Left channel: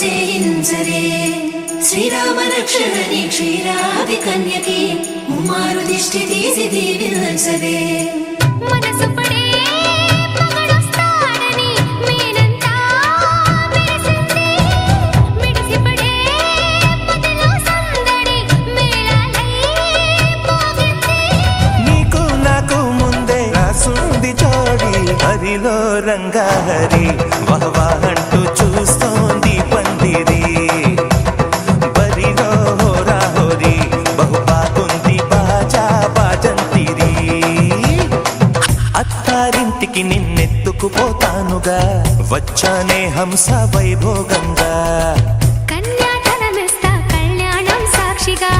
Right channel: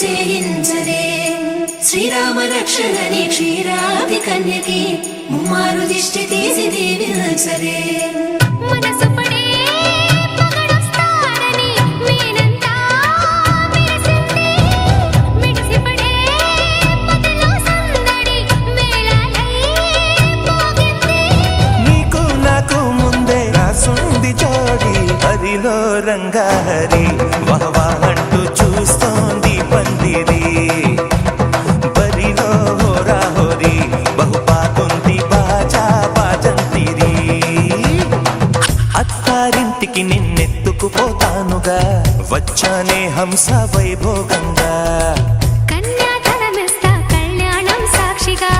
చేయించరే శ్రీరామ రక్షణని క్షీరాది కన్యకి ముమ్మారు దిష్టి తీసి దీవించరే మనసు పడే మగడొస్తాడని మేనంతా మెరిసింది మిడిసిపడే మదిలో సందడి మేళాలై మోగింది నీకు నాకు ముందే రాసుంది జోడి హరిలో రంగాహరి వహవా అంటూ చూస్తోంది పందిరి బరిలో హోరా హోరి బహుబాగుంది బాజా బాజంతిరి అత్తారింటికి నిన్నెత్తుకుపోతానుగా వచ్చానే హంస వైభోగంగా కన్యాధనమిస్తా కళ్యాణం సాక్షిగా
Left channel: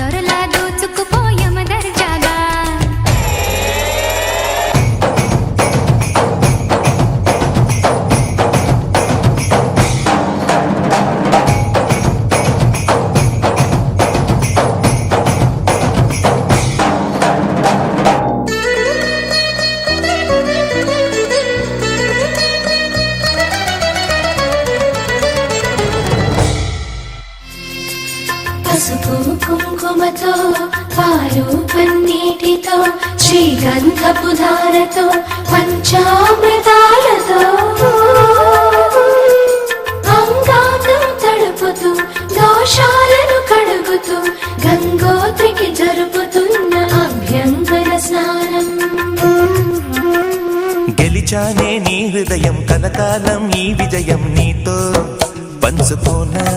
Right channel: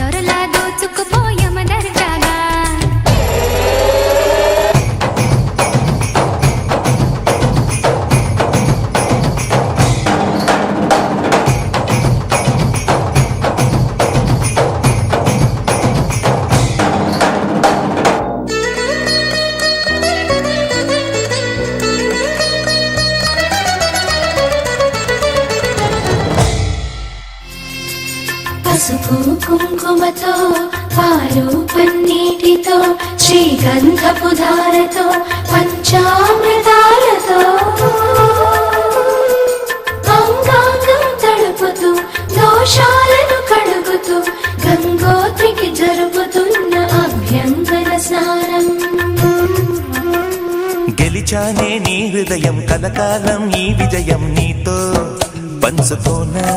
దొరలా దోచుకుపోయమ దర్జాగా పసుపు కుంకుమతో పాలు పన్నీటితో శ్రీగంధపు ధారతో పంచామృతాలతో అంగాంగం తడుపుతూ దోషాలను కడుగుతూ గంగోత్రికి జరుపుతున్న అభ్యంగన స్నానం గెలిచానే నీ హృదయం కలకాలం ఈ విజయం నీతో పంచుకోనా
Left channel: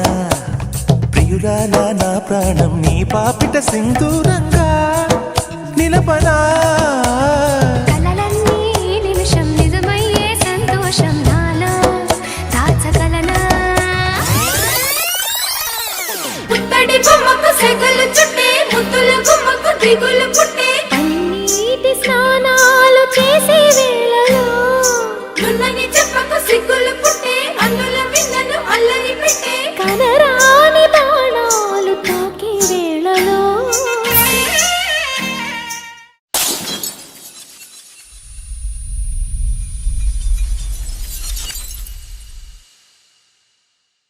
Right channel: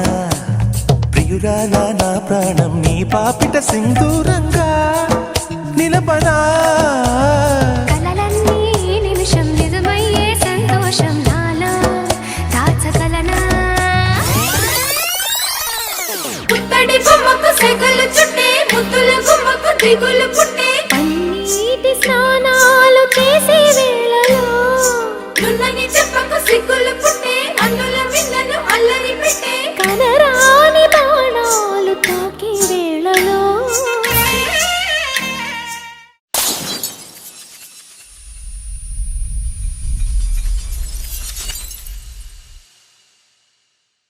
ప్రియురాల నా ప్రాణం నీ పాపిట సింధూరంగా నిలపనా కలలన్నీ నిమిషం నిజమయ్యే సంతోషం నాలో దాచగలనా పుట్టడి బొమ్మకు సెగలు చుట్టే ముద్దుల గుమ్మకు దిగులు పుట్టే